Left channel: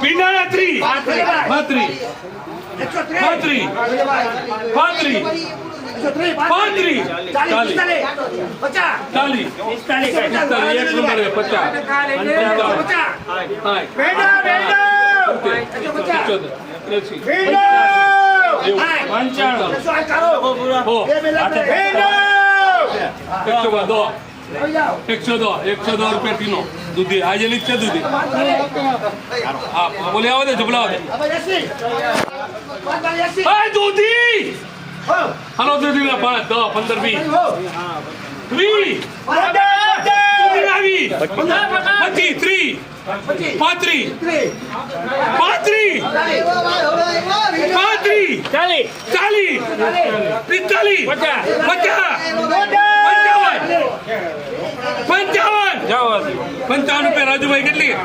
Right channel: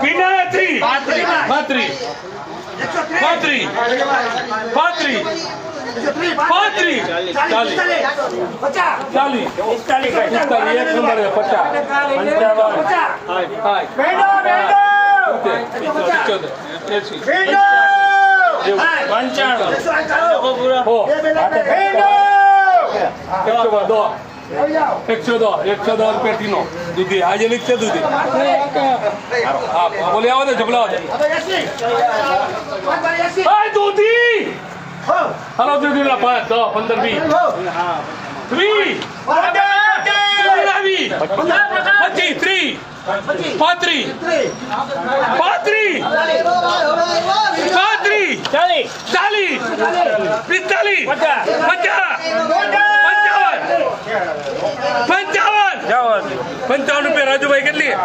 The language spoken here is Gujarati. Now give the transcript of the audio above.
પીના 3 32 32 32 102 રૂપિયા કિલો દૂધી આજે લીક છે દૂધી બોલે આવો ને ઝઘડા દૂધી હાલો દૂધી ના 5 10 15 20 55 રૂપિયા રાજુભાઈ કેટલી